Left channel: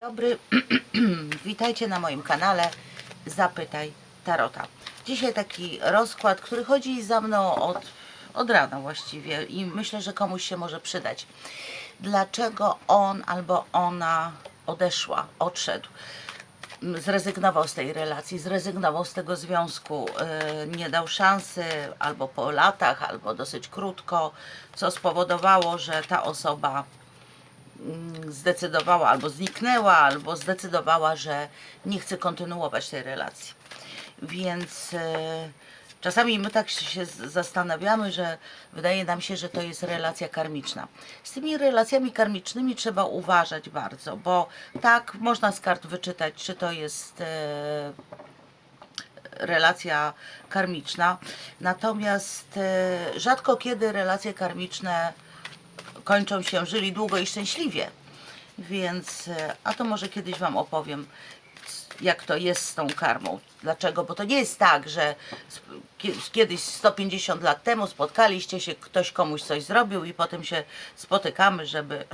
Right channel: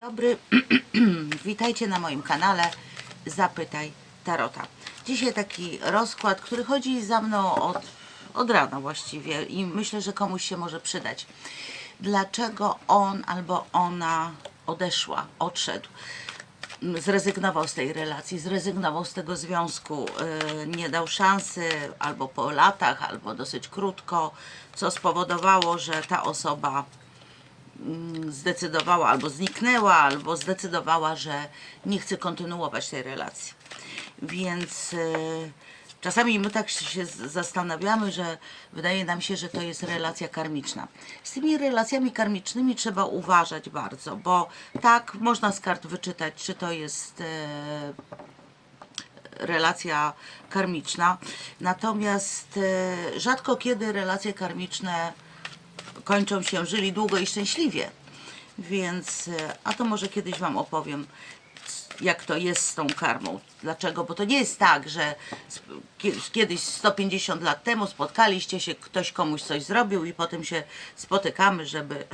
Dobry, witajcie na moim kanale Zapytaj Tarota. Dzisiaj taki rozkład, który chodzi za mną od, od rana właściwie i myślę, że komuś się może przydać. Dlaczego on albo ona odeszła, odszedł, zrezygnował z tej relacji, zrezygnował z tego związku, yy, nie dał szansy albo po latach, albo dosyć krótko, co spowodowało, że ta osoba zdecydowała albo zniknęła, albo zdecydowała, że nie chce kontynuować tej relacji. Więc e, czasami my tak się zastanawiamy, że wydaje nam się, że to jest relacja karmiczna. Z tymi relacjami karmicznymi trzeba uważać bardzo, bo tak można z kart wyczytać, czy to jest e, relacja karmiczna. Natomiast e, rzadko kiedy relacje karmiczne kończą się, żyli długo i szczęśliwie. Więc, e, a to może kiedyś Wam opowiem, jak to jest z tą karmą. Dlaczego? Bo to nie jest tak, że kiedyś 150 lat temu spotkaliście się, ktoś komuś coś zrobił i potem się spotykamy, żeby,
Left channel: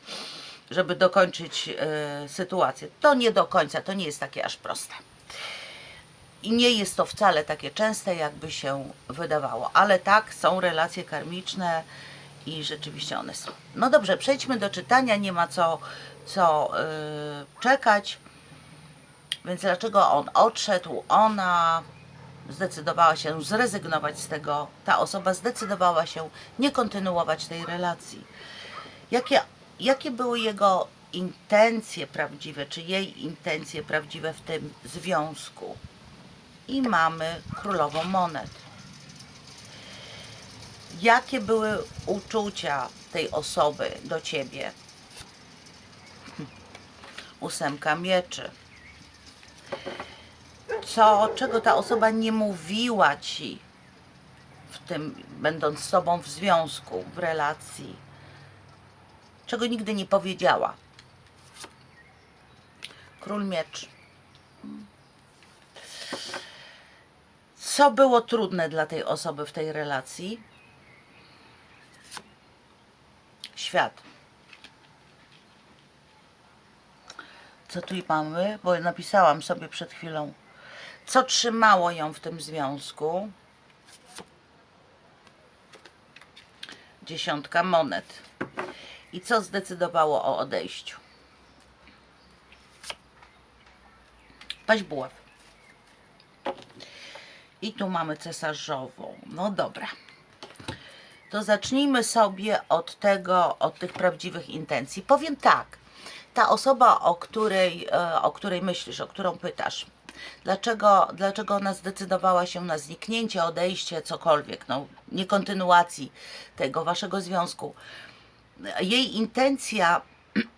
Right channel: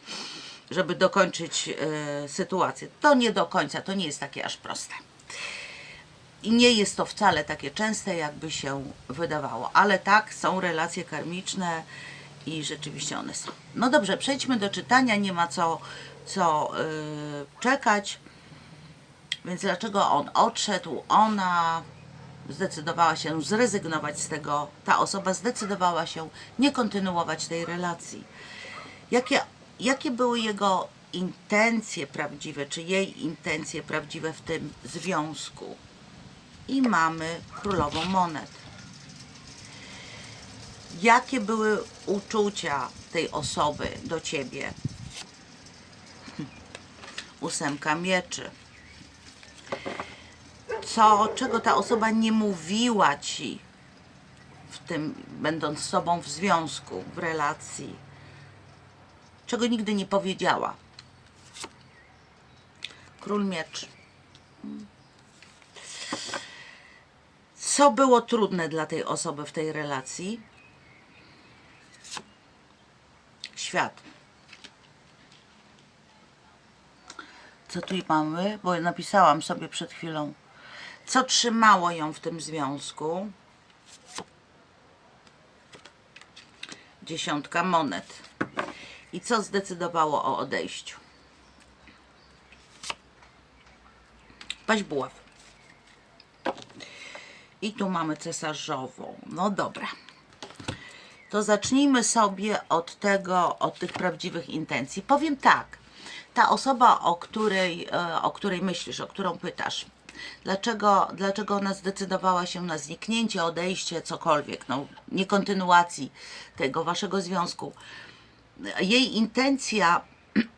żeby dokończyć e, sytuację. To nie do końca, to nie jest takie aż proste. I nie jest to wcale takie częste, jakby się wydawało. Ale tak, są relacje karmiczne i rzeczywiście one są. No dobrze, przejdźmy do czytania. Nie ma co, co yy, czekać. Więc dlaczego on odszedł? Ona zdecydowała się zrezygnować z tego. Ta osoba zdecydowała się nie kontynuować tej relacji. Jakie, jakie były jego intencje prawdziwe, czy jej intencje prawdziwe w tym związku? i mamy królową monet. Jakie były uczucia tej osoby do ciebie? Ósemka mieczy. Co, czego ta osoba nie mówiła ci w tym, będąc z tobą w związku, w relacji? Czego nigdy nie powiedziała? Król mieczy. Co było trudne dla tej osoby w tej relacji? Świat. Co tu mamy? Bo napisałam sobie przed chwilą. Co trzymało ją w tym związku? Dziesiątka monet. I co zdecydowało o odejściu? Paź buław. I tu mamy cesarzową. No dobra. To zacznijmy sobie od tego, od tych prawdziwych intencji. Powiem tak. Ta osoba, o której, e, o której myślisz, o którą pytasz, dlaczego, dlaczego ona zdecydowała się na zniknięcie, odejście, cokolwiek, no, nie kontynuacji tego waszego związku. Jej intencja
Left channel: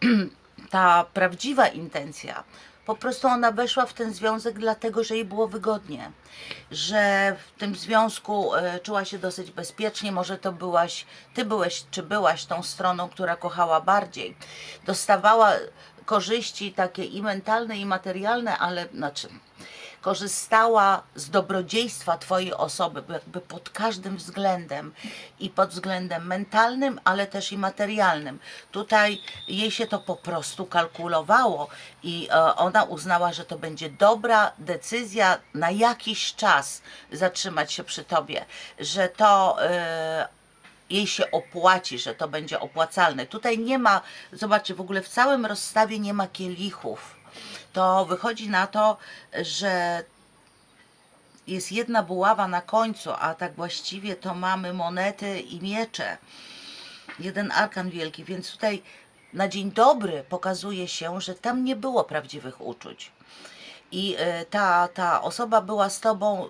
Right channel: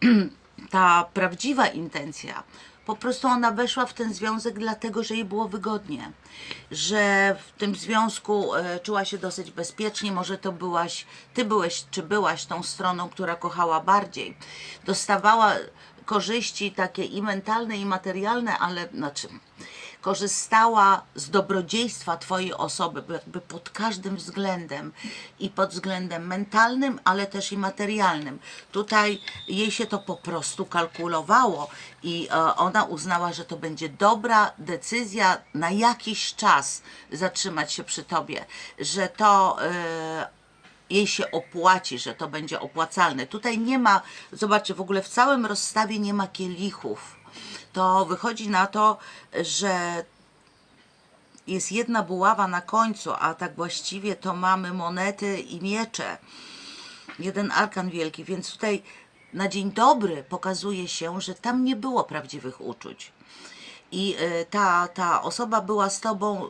ta prawdziwa intencja, po prostu ona weszła w ten związek dlatego, że jej było wygodnie, że w tym związku e, czuła się dosyć bezpiecznie, może to byłaś, ty byłeś, czy byłaś tą stroną, która kochała bardziej, dostawała korzyści takie i mentalne, i materialne, ale znaczy korzystała z dobrodziejstwa Twojej osoby, jakby pod każdym względem i pod względem mentalnym, ale też i materialnym. Tutaj jej się to po prostu kalkulowało i e, ona uznała, że to będzie dobra decyzja na jakiś czas zatrzymać się przy Tobie, że to. E, jej się opłaci, że to będzie opłacalne. Tutaj nie ma, zobaczcie, w ogóle w całym rozstawie nie ma kielichów. To wychodzi na to, że jest jedna buława na końcu, a tak właściwie to mamy monety i miecze. Jeden arkan wielki, więc tutaj na dzień dobry pokazuje się, że tam nie było prawdziwych uczuć. I e, ta, ta osoba była z tobą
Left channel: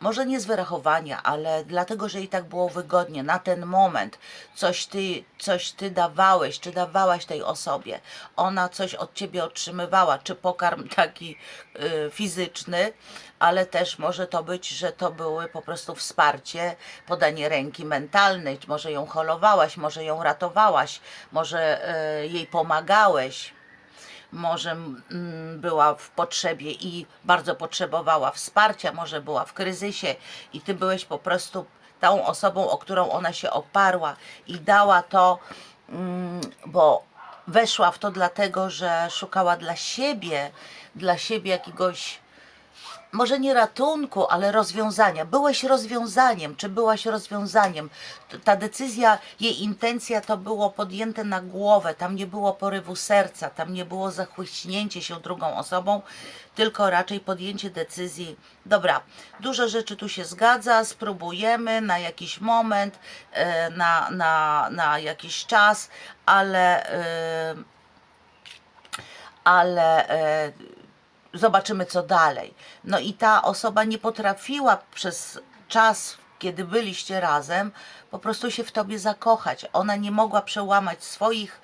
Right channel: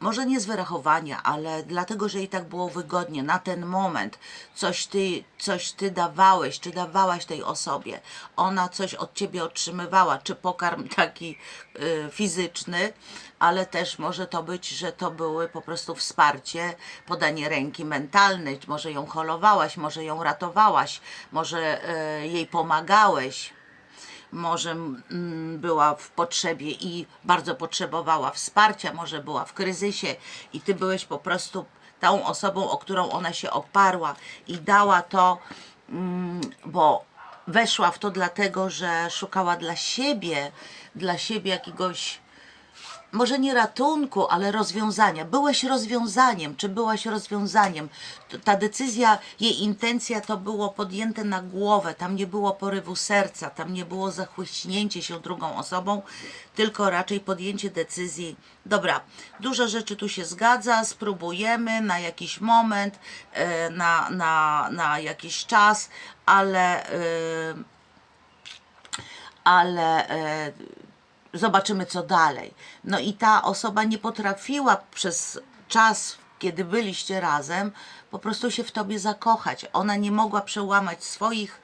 może nie z wyrachowania, ale dlatego, że jej tak było wygodnie na ten moment. Coś ty, coś ty dawałeś, czy dawałaś tej osobie. Ona coś od ciebie otrzymywała, czy pokarm taki y, fizyczny, ale też może to być, że to były po prostu wsparcie, podanie ręki mentalnej. Może ją holowałaś, może ją ratowałaś, może y, jej pomagałeś może mm, była w potrzebie i bardzo potrzebowała wsparcia, może była w kryzysie i ty byłeś po prostu tą osobą, o którą ona się oparła i dała to, mm, bo weszła w to dlatego, że szukała dla siebie, dla siebie jakiegoś może nie ratunku, ale rozwiązania. Byłeś rozwiązaniem, czy byłaś rozwiązaniem? Ta decyzja, jej intencja to było podjęte na głowę, tam nie było porywu serca, tam nie było zachłyśnięcie się drugą osobą, tylko raczej podjęcie decyzji. Dobra, dużo rzeczy tu się zgadza, spróbujemy na jakiś moment, e, na, na, na jakiś czas, ale. e, ale e, zobaczymy co dalej. No i ta osoba nie potrafiła przez czas, kiedy byliście razem, po prostu się w tobie zakochać. Ona nie mogła przełamać swoich.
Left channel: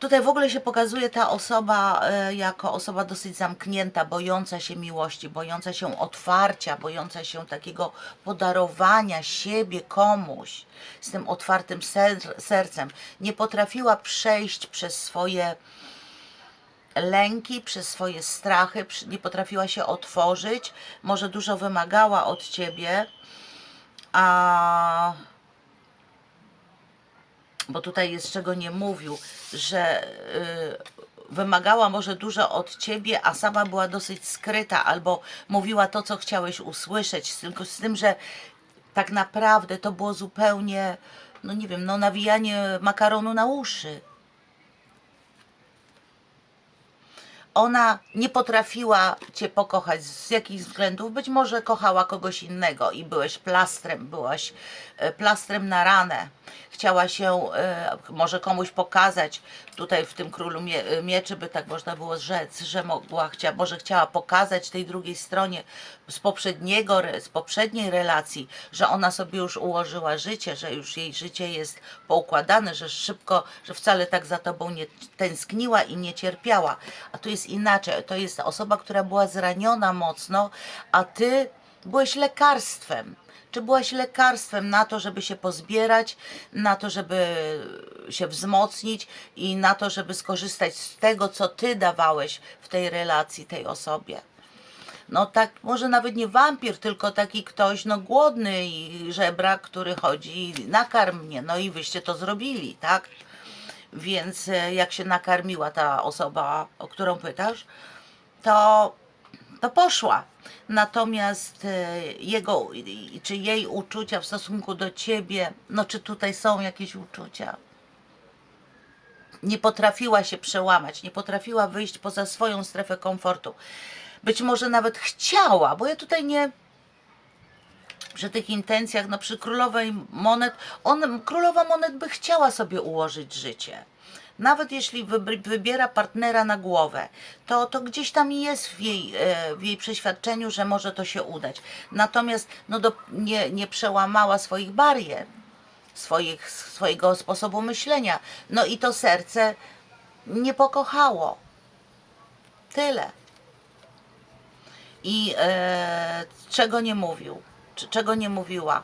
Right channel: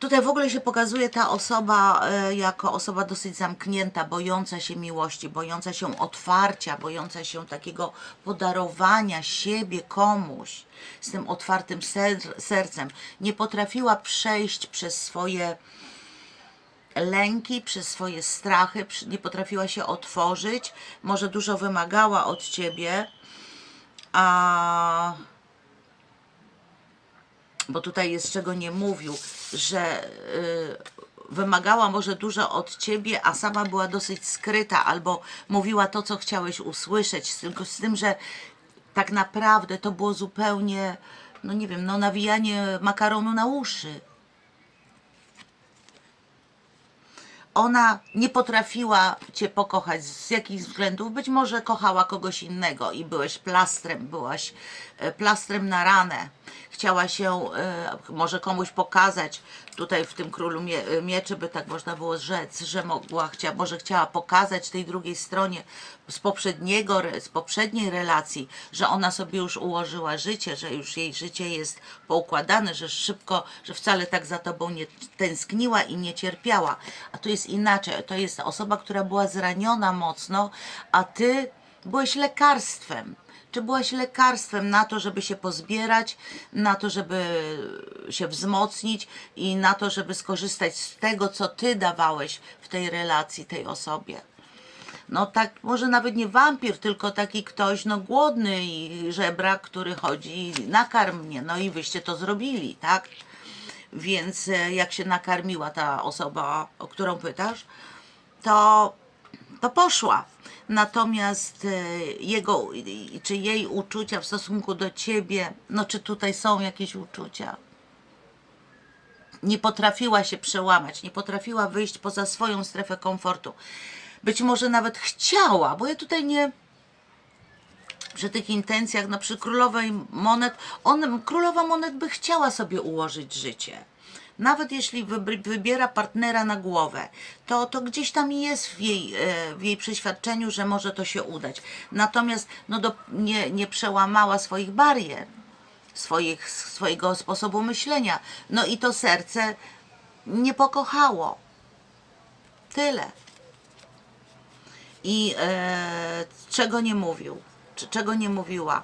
Tutaj w ogóle się pokazuje ta osoba e, jako osoba dosyć zamknięta, bojąca się miłości, bojąca się otwarcia, bojąca się takiego podarowania siebie komuś z tym otwartym ser- sercem. Nie potrafiła przejść przez swoje lęki, przez swoje strachy, nie potrafiła się otworzyć, może dużo wymagała od ciebie, a bo tutaj jest czego nie mówił, że y, wymagała może dużo od ciebie, a sama była dosyć skryta, albo mówiła to, co chciałeś usłyszeć, tylko z tym, że tak naprawdę to było zupełnie, no nie wiem, no nawijanie makaronu na uszy. Ona nie potrafiła Cię pokochać z jakichś względów. Być może kochała kogoś innego i byłeś plastrem, byłaś e, plastrem na ranę. Chciała się e, może komuś pokazać, tutaj w tym królu mie e, mieczy by tak można było rzec, że mogła, chcia, może chciała pokazać tej drugiej stronie z poprzedniego, z poprzedniej relacji, że ona sobie już ułożyła życie, że już jej życie jest poukładane, że szybko, że wcale tak za tobą nie tęskniła i nie cierpiała. A tu jest inaczej. To jest osoba, która była zraniona mocno, a ty byłeś lekarstwem. Czy byłaś lekarstwem na to, żeby się pozbierać, na to, żeby się wzmocnić i na to, żeby skorzystać z tego, co ty dawałeś w tej relacji tej osobie? no tak, może nawet nie wampir, tylko taki ktoś, no głodny i żebrak, który chodzi nakarm mnie, no i wyście to zrobili, tak? Więc e, jak się nakarmiła ta osoba, o którą pytasz, to, to poszła. Natomiast e, jego, czy jej uczucia w stosunku do ciebie, no czy tutaj są jakieś uczucia? nie potrafiła się przełamać, nie potrafiła wyjść poza swoją strefę komfortu. Być może nawet chciała, bo ja tutaj nie przy tych intencjach, no przy królowej monet, on, królowa monet by chciała sobie ułożyć życie. Nawet jeśli wybiera partnera na głowę, to, to gdzieś tam jest w jej, e, w jej przeświadczeniu, że może to się udać. Natomiast no do, nie, nie przełamała swoich barier swoich, swojego sposobu myślenia. No i to serce nie pokochało. Tyle. I e, czego nie mówił? Czy, czego nie mówiła?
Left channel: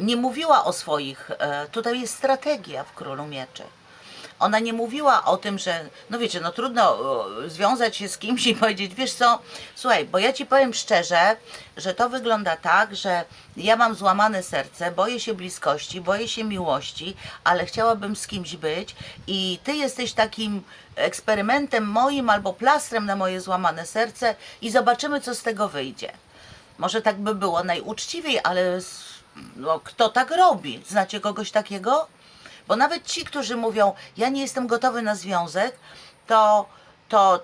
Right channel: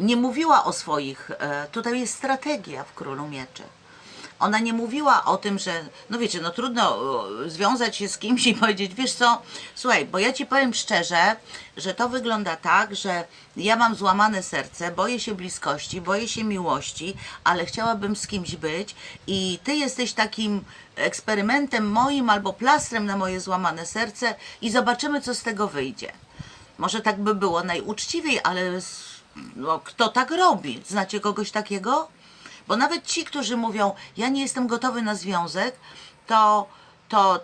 Nie mówiła o swoich. E, tutaj jest strategia w Królu Mieczy. Ona nie mówiła o tym, że, no wiecie, no trudno e, związać się z kimś i powiedzieć, wiesz co, słuchaj, bo ja ci powiem szczerze, że to wygląda tak, że ja mam złamane serce, boję się bliskości, boję się miłości, ale chciałabym z kimś być i ty jesteś takim eksperymentem moim albo plastrem na moje złamane serce i zobaczymy, co z tego wyjdzie. Może tak by było najuczciwiej, ale s- no, kto tak robi? Znacie kogoś takiego? Bo nawet ci, którzy mówią, ja nie jestem gotowy na związek, to, to,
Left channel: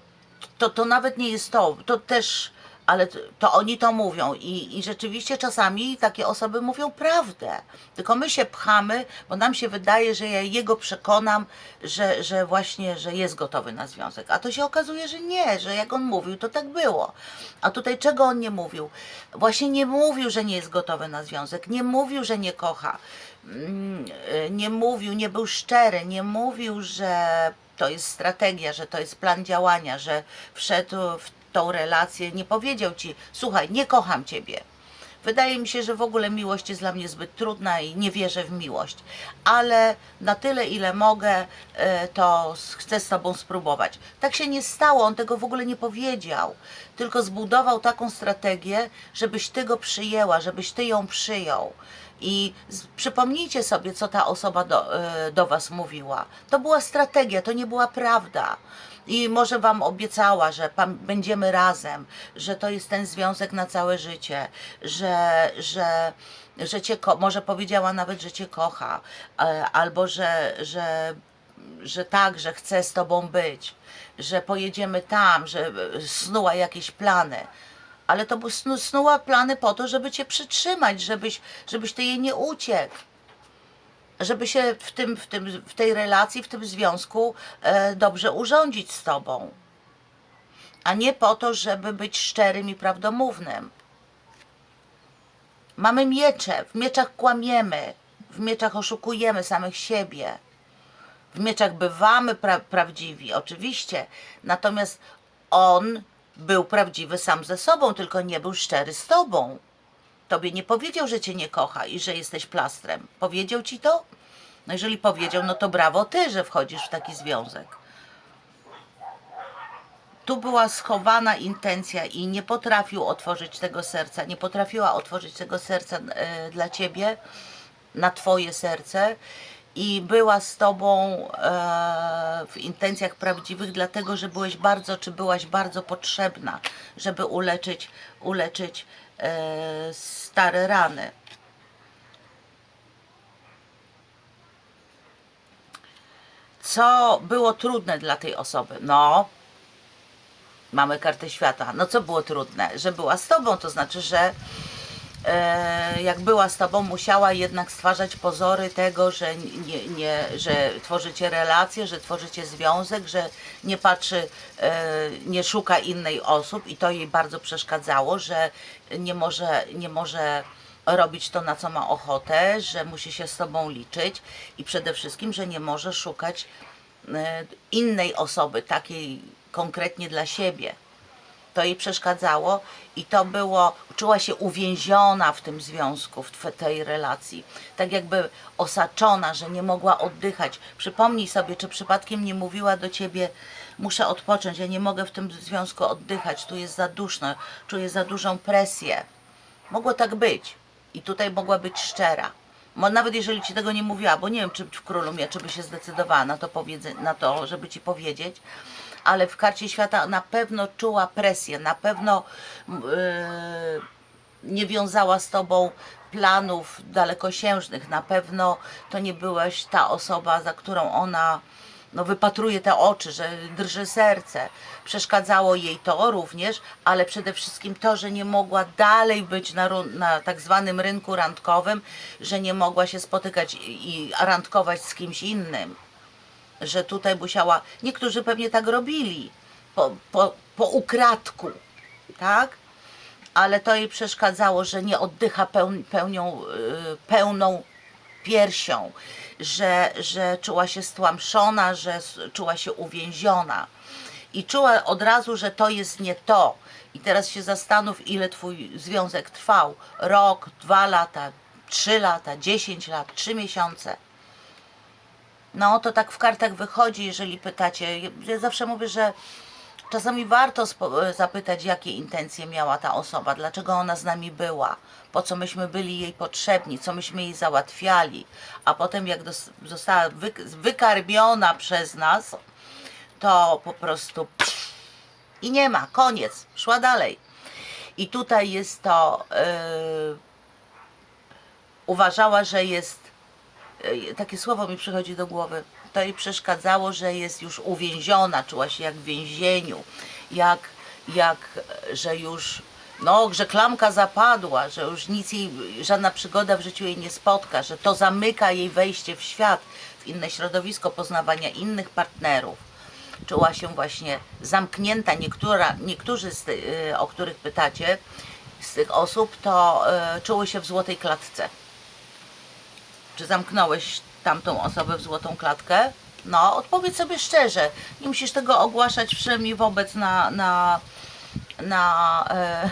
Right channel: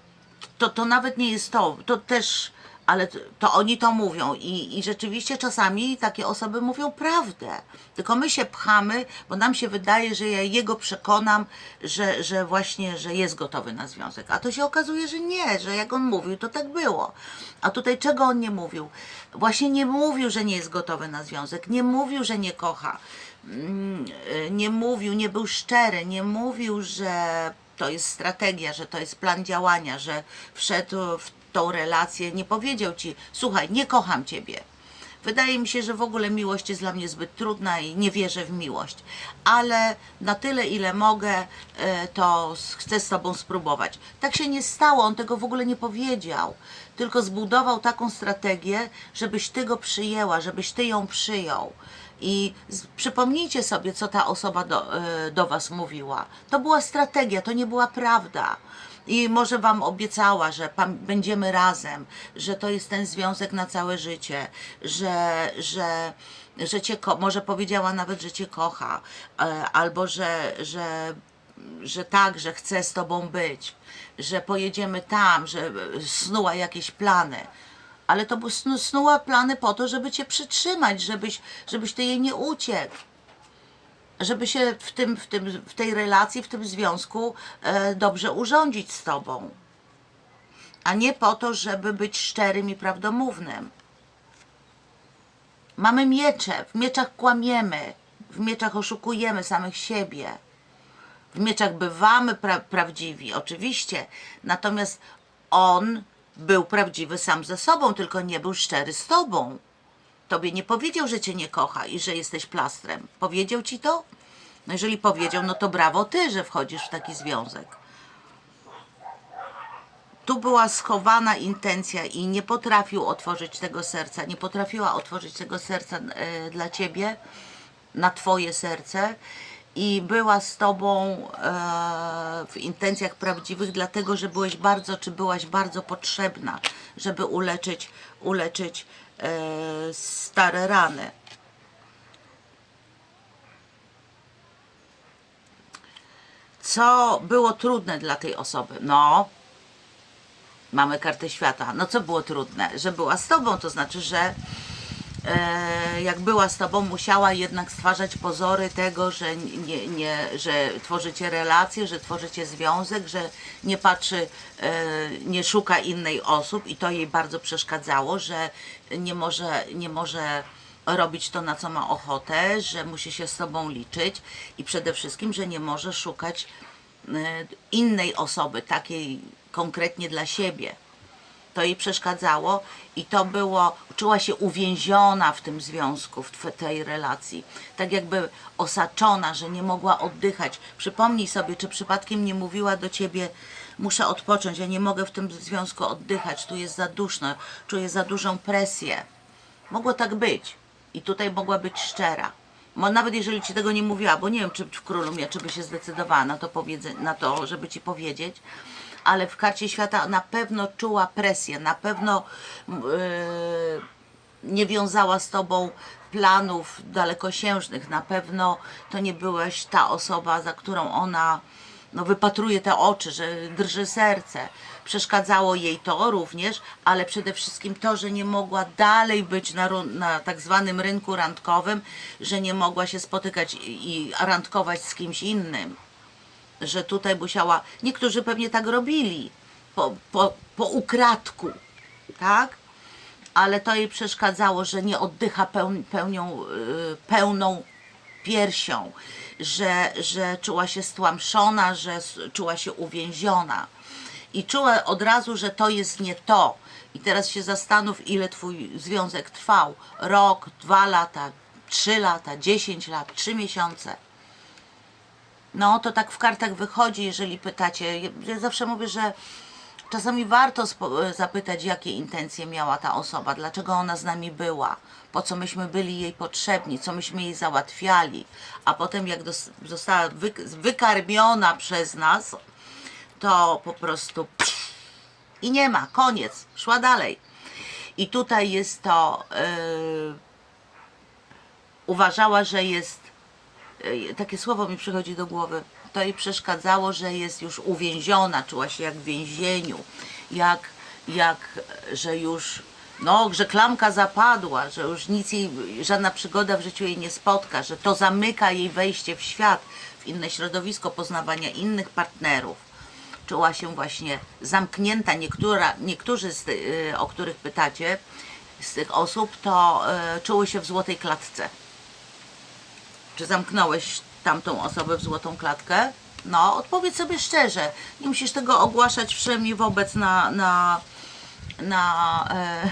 to, to nawet nie jest to. To też, ale to, oni to mówią. I, I rzeczywiście czasami takie osoby mówią prawdę. Tylko my się pchamy, bo nam się wydaje, że ja jego przekonam, że, że właśnie, że jest gotowy na związek. A to się okazuje, że nie, że jak on mówił, to tak było. A tutaj czego on nie mówił? Właśnie nie mówił, że nie jest gotowy na związek. Nie mówił, że nie kocha mm, y, nie mówił, nie był szczery, nie mówił, że to jest strategia, że to jest plan działania, że wszedł w tą relację, nie powiedział ci, słuchaj, nie kocham ciebie. Wydaje mi się, że w ogóle miłość jest dla mnie zbyt trudna i nie wierzę w miłość, ale na tyle, ile mogę, e, to chcę z Tobą spróbować. Tak się nie stało, on tego w ogóle nie powiedział, tylko zbudował taką strategię, żebyś Ty go przyjęła, żebyś Ty ją przyjął. I przypomnijcie sobie, co ta osoba do, e, do Was mówiła. To była strategia, to nie była prawda. I może Wam obiecała, że będziemy razem, że to jest ten związek na całe życie, że, że, że Cię, może powiedziała nawet, że Cię kocha, e, albo że, że, że tak, że chce z Tobą być, że pojedziemy tam, że e, snuła jakieś plany. Ale to snu, snuła plany po to, żeby Cię przytrzymać, żebyś, żebyś Ty jej nie uciekł żeby się w, tym, w, tym, w tej relacji, w tym związku e, dobrze urządzić z tobą. A nie po to, żeby być szczerym i prawdomównym. Mamy miecze, w mieczach kłamiemy, w mieczach oszukujemy samych siebie. W mieczach bywamy pra- prawdziwi, oczywiście. Natomiast on był prawdziwy sam ze sobą, tylko nie był szczery z tobą. Tobie nie powiedział, że cię nie kocha i że jesteś plastrem. Powiedział ci to? No jeżeli powiedział, no to brawo ty, że wchodzisz w taki związek. Tu była schowana intencja i nie potrafił otworzyć tego serca, nie potrafiła otworzyć tego serca e, dla ciebie, na twoje serce i była z tobą e, w intencjach prawdziwych, dlatego że byłeś bardzo, czy byłaś bardzo potrzebna, żeby uleczyć, uleczyć stare rany. Co było trudne dla tej osoby? No, mamy kartę świata. No co było trudne? Że była z tobą, to znaczy, że e, jak była z tobą, musiała jednak stwarzać pozory tego, że, nie, nie, że tworzycie relacje, że tworzycie związek, że nie patrzy, e, nie szuka innej osób i to jej bardzo przeszkadzało, że nie może, nie może robić to, na co ma ochotę, że musi się z tobą liczyć i przede wszystkim, że nie może szukać e, innej osoby, takiej konkretnie dla siebie to jej przeszkadzało i to było, czuła się uwięziona w tym związku, w tej relacji. Tak jakby osaczona, że nie mogła oddychać. Przypomnij sobie, czy przypadkiem nie mówiła do ciebie, muszę odpocząć, ja nie mogę w tym związku oddychać, tu jest za duszno, czuję za dużą presję. Mogło tak być. I tutaj mogła być szczera. Mo, nawet jeżeli ci tego nie mówiła, bo nie wiem, czy w królu mnie, czy by się zdecydowała na to, na to, żeby ci powiedzieć, ale w karcie świata na pewno czuła presję, na pewno yy, nie wiązała z tobą planów dalekosiężnych, na pewno to nie byłaś ta osoba, za którą ona no, wypatruje te oczy, że drży serce. Przeszkadzało jej to również, ale przede wszystkim to, że nie mogła dalej być na, na tak zwanym rynku randkowym, że nie mogła się spotykać i randkować z kimś innym że tutaj musiała, niektórzy pewnie tak robili, po, po, po ukradku, tak? Ale to jej przeszkadzało, że nie oddycha peł, pełnią, y, pełną piersią, że, że czuła się stłamszona, że czuła się uwięziona. I czuła od razu, że to jest nie to. I teraz się zastanów, ile twój związek trwał. Rok, dwa lata, trzy lata, dziesięć lat, trzy miesiące. No, to tak w kartach wychodzi, jeżeli pytacie. Ja- zawsze mówię, że czasami warto zapytać, jakie intencje miała ta osoba, dlaczego ona z nami była, po co myśmy byli jej potrzebni, co myśmy jej załatwiali, a potem jak została wy- wykarmiona przez nas, to po prostu i nie ma, koniec, szła dalej. I tutaj jest to, yy, uważała, że jest takie słowo mi przychodzi do głowy. To jej przeszkadzało, że jest już uwięziona, czuła się jak w więzieniu, jak, jak że już, no, że klamka zapadła, że już nic jej, żadna przygoda w życiu jej nie spotka, że to zamyka jej wejście w świat, w inne środowisko poznawania innych partnerów. Czuła się właśnie zamknięta. Niektóra, niektórzy, z y, o których pytacie, z tych osób, to y, czuły się w złotej klatce. Czy zamknąłeś tamtą osobę w złotą klatkę? No, odpowiedz sobie szczerze. Nie musisz tego ogłaszać wszemi wobec na, na, na, e,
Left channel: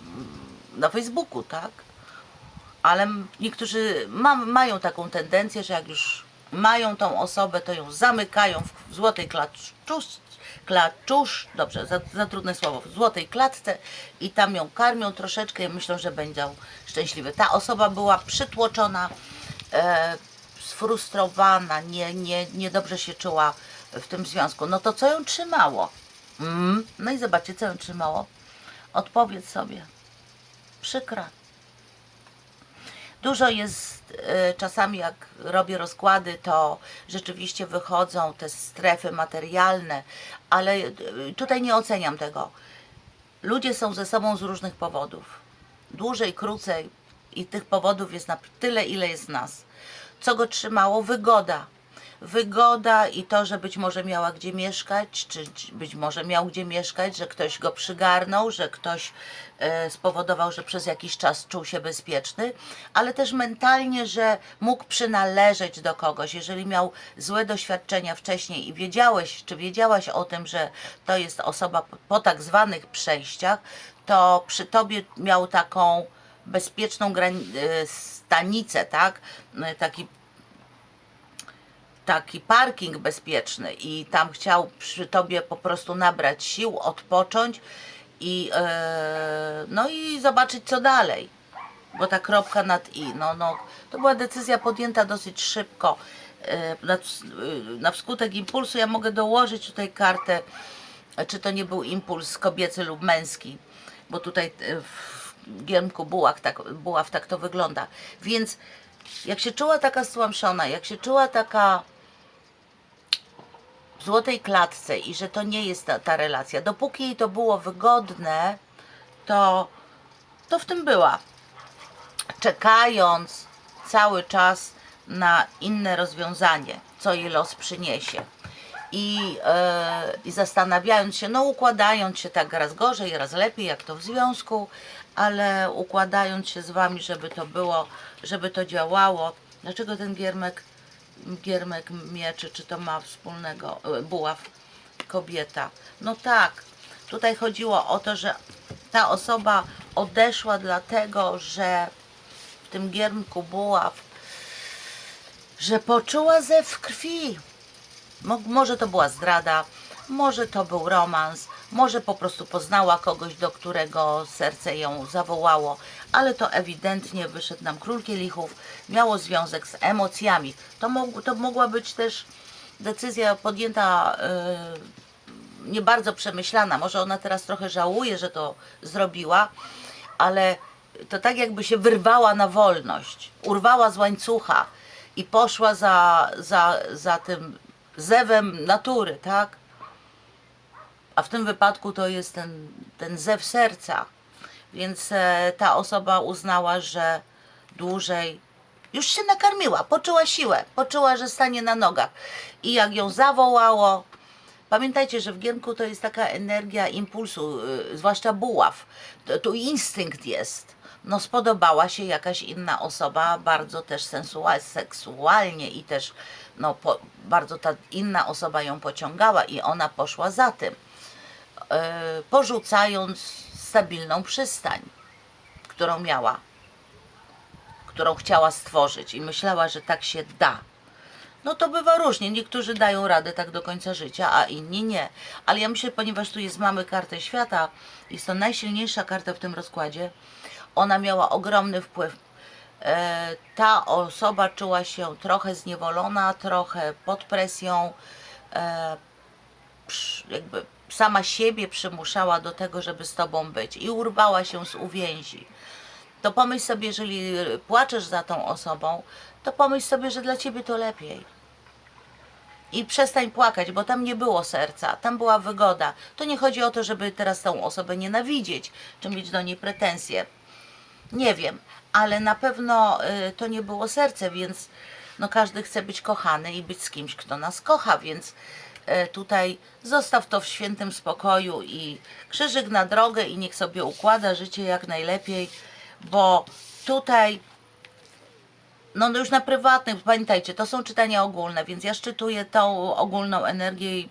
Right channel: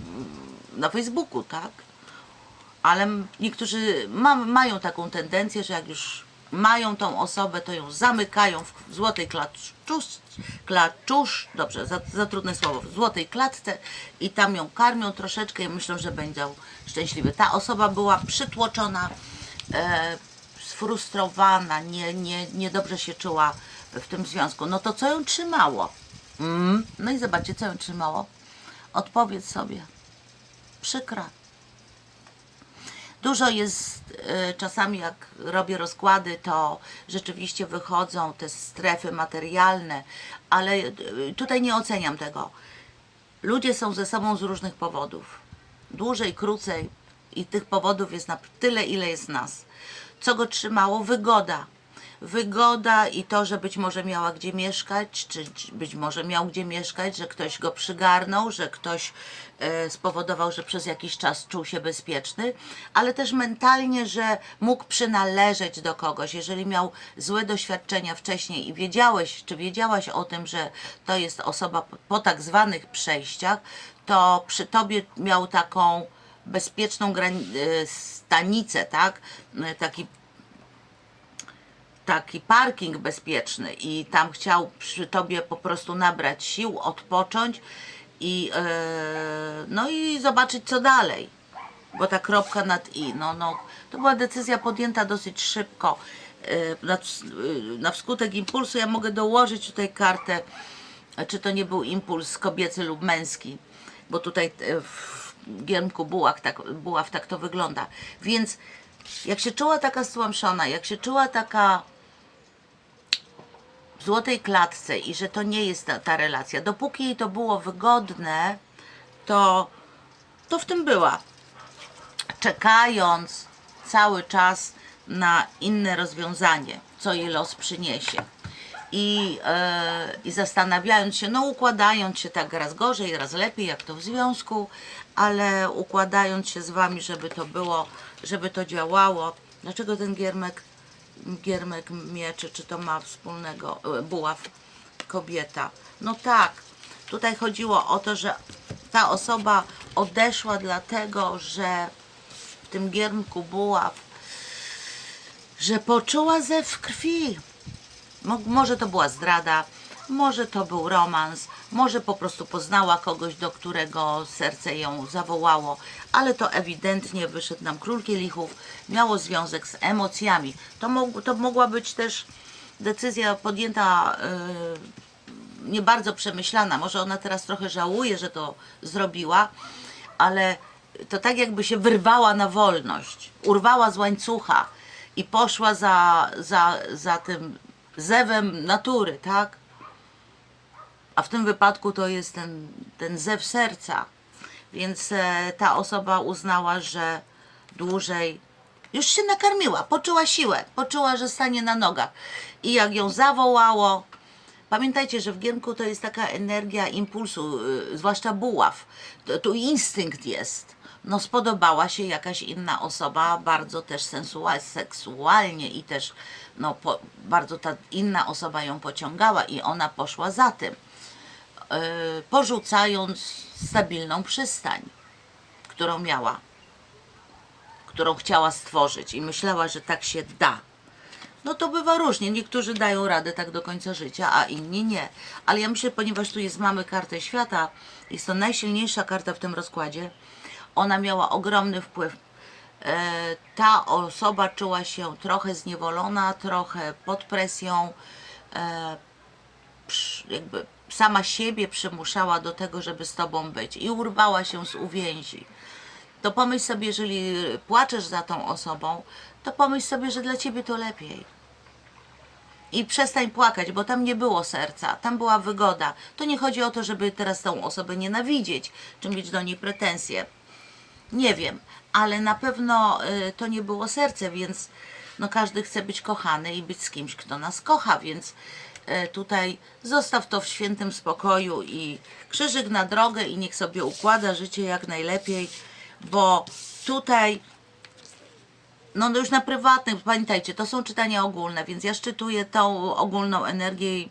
na Facebooku, tak? Ale niektórzy ma, mają taką tendencję, że jak już mają tą osobę, to ją zamykają w złotej klaczusz, dobrze, za, za trudne słowo, w złotej klatce i tam ją karmią troszeczkę i myślą, że będzie szczęśliwy. Ta osoba była przytłoczona, sfrustrowana, nie, nie, niedobrze się czuła w tym związku. No to co ją trzymało? Mm. No i zobaczcie, co ją trzymało. Odpowiedz sobie. Przykra. Dużo jest e, czasami, jak robię rozkłady, to rzeczywiście wychodzą te strefy materialne, ale e, tutaj nie oceniam tego. Ludzie są ze sobą z różnych powodów. Dłużej, krócej i tych powodów jest na tyle, ile jest nas. Co go trzymało? Wygoda. Wygoda i to, że być może miała gdzie mieszkać, czy być może miał gdzie mieszkać, że ktoś go przygarnął, że ktoś e, spowodował, że przez jakiś czas czuł się bezpieczny, ale też mentalnie, że mógł przynależeć do kogoś. Jeżeli miał złe doświadczenia wcześniej i wiedziałeś, czy wiedziałaś o tym, że to jest osoba po, po tak zwanych przejściach, to przy tobie miał taką bezpieczną e, stanicę, tak? E, Taki taki parking bezpieczny i tam chciał przy tobie po prostu nabrać sił, odpocząć i e, no i zobaczyć co dalej. Bo ta kropka nad i, no, no, to była decyzja podjęta dosyć szybko. Na, na wskutek impulsu ja mogę dołożyć tutaj kartę, czy to nie był impuls kobiecy lub męski, bo tutaj giermku buław tak, buław tak to wygląda. Więc jak się czuła taka stłamszona, jak się czuła taka w złotej klatce i że to nie jest ta, ta relacja. Dopóki jej to było wygodne, to, to w tym była. Czekając cały czas na inne rozwiązanie, co jej los przyniesie. I, e, I zastanawiając się, no układając się tak raz gorzej, raz lepiej, jak to w związku, ale układając się z wami, żeby to było, żeby to działało. Dlaczego ten giermek giermek mieczy, czy to ma wspólnego e, buław kobieta. No tak, tutaj chodziło o to, że ta osoba odeszła dlatego, że w tym giermku buław, że poczuła zew krwi. Mo- Może to była zdrada, może to był romans, może po prostu poznała kogoś, do którego serce ją zawołało, ale to ewidentnie wyszedł nam król kielichów, miało związek z emocjami. To, mógł, to mogła być też decyzja podjęta yy, nie bardzo przemyślana. Może ona teraz trochę żałuje, że to zrobiła, ale to tak jakby się wyrwała na wolność, urwała z łańcucha i poszła za, za, za tym zewem natury, tak? A w tym wypadku to jest ten, ten zew serca. Więc e, ta osoba uznała, że dłużej już się nakarmiła, poczuła siłę, poczuła, że stanie na nogach. I jak ją zawołało, pamiętajcie, że w giermku to jest taka energia impulsu, y, zwłaszcza buław. Tu instynkt jest. No spodobała się jakaś inna osoba, bardzo też sensual, seksualnie i też no, po, bardzo ta inna osoba ją pociągała i ona poszła za tym porzucając stabilną przystań, którą miała, którą chciała stworzyć i myślała, że tak się da. No to bywa różnie. Niektórzy dają radę tak do końca życia, a inni nie. Ale ja myślę, ponieważ tu jest mamy kartę świata, jest to najsilniejsza karta w tym rozkładzie, ona miała ogromny wpływ. E, ta osoba czuła się trochę zniewolona, trochę pod presją, przy- jakby sama siebie przymuszała do tego, żeby z tobą być i urwała się z uwięzi. To pomyśl sobie, jeżeli płaczesz za tą osobą, to pomyśl sobie, że dla ciebie to lepiej. I przestań płakać, bo tam nie było serca, tam była wygoda. To nie chodzi o to, żeby teraz tą osobę nienawidzieć, czy mieć do niej pretensje. Nie wiem, ale na pewno y, to nie było serce, więc no każdy chce być kochany i być z kimś, kto nas kocha, więc tutaj zostaw to w świętym spokoju i krzyżyk na drogę i niech sobie układa życie jak najlepiej, bo tutaj no już na prywatnych, pamiętajcie, to są czytania ogólne, więc ja szczytuję tą ogólną energię i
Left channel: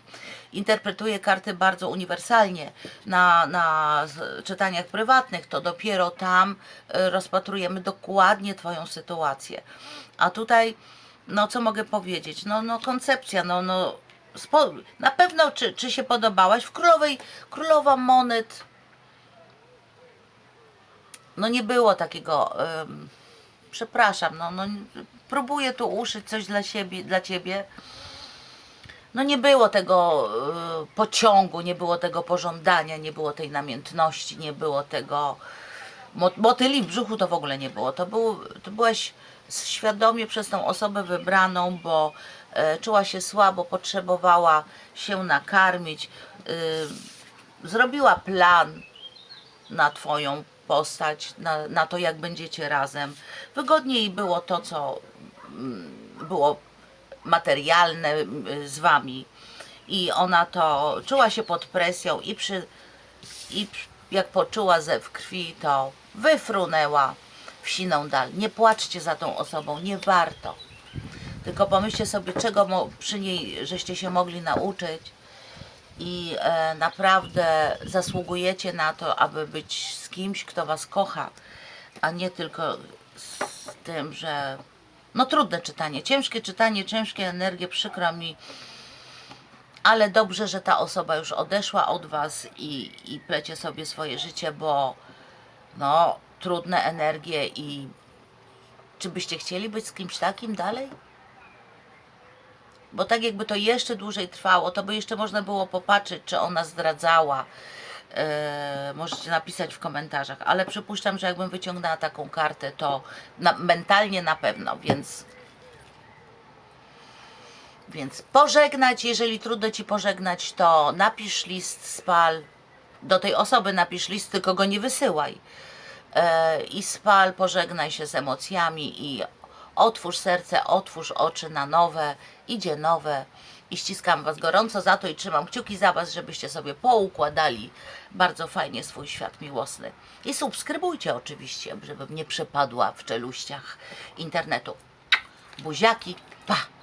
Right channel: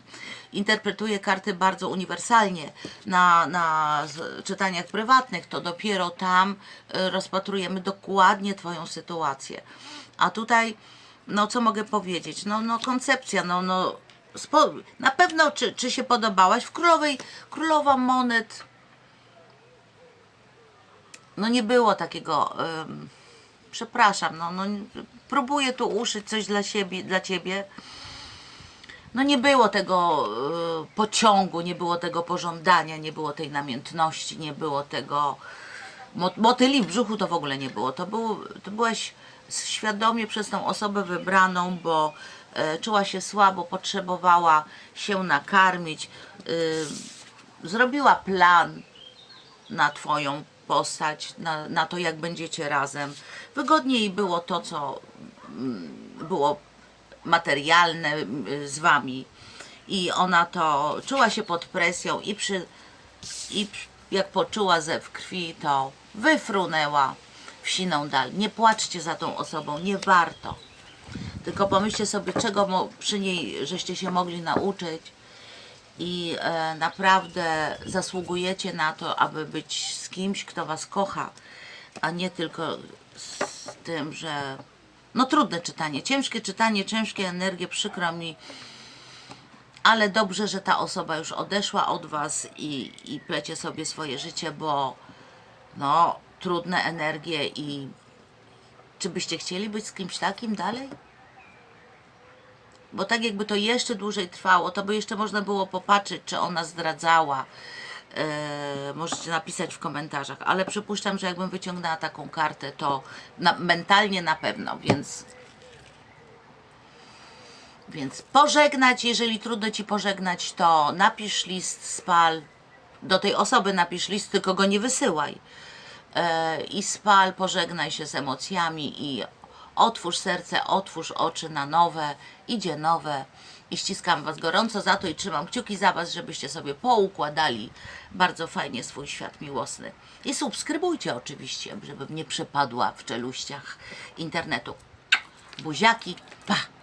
interpretuję karty bardzo uniwersalnie. Na, na czytaniach prywatnych to dopiero tam y, rozpatrujemy dokładnie Twoją sytuację. A tutaj no co mogę powiedzieć? No, no koncepcja, no, no spo, na pewno czy, czy się podobałaś? W Królowej, Królowa Monet no nie było takiego przepraszam, no, no próbuję tu uszyć coś dla siebie, dla ciebie. No nie było tego y, pociągu, nie było tego pożądania, nie było tej namiętności, nie było tego mo- motyli w brzuchu to w ogóle nie było. To, był, to byłaś świadomie przez tą osobę wybraną, bo czuła się słabo, potrzebowała się nakarmić. Y, zrobiła plan na Twoją postać, na, na to, jak będziecie razem. Wygodniej było to, co mm, było materialne z Wami. I ona to czuła się pod presją i przy i jak poczuła zew krwi, to wyfrunęła w siną dal. Nie płaczcie za tą osobą, nie warto. Tylko pomyślcie sobie, czego przy niej żeście się mogli nauczyć i e, naprawdę zasługujecie na to, aby być z kimś, kto was kocha, a nie tylko z tym, że no trudne czytanie, ciężkie czytanie, ciężkie energie, przykro mi, ale dobrze, że ta osoba już odeszła od was i, i plecie sobie swoje życie, bo no trudne energie i czy byście chcieli być z kimś takim dalej? Bo tak jakby to jeszcze dłużej trwało, to by jeszcze można było popatrzeć, czy ona zdradzała. Eee, możecie napisać w komentarzach, ale przypuszczam, że jakbym wyciągnęła taką kartę, to na, mentalnie na pewno, więc więc pożegnać, jeżeli trudno ci pożegnać, to napisz list, spal. Do tej osoby napisz list, tylko go nie wysyłaj. E, I spal, pożegnaj się z emocjami i otwórz serce, otwórz oczy na nowe, idzie nowe. I ściskam Was gorąco za to i trzymam kciuki za Was, żebyście sobie poukładali bardzo fajnie swój świat miłosny. I subskrybujcie oczywiście, żebym nie przepadła w czeluściach internetu. Buziaki, pa!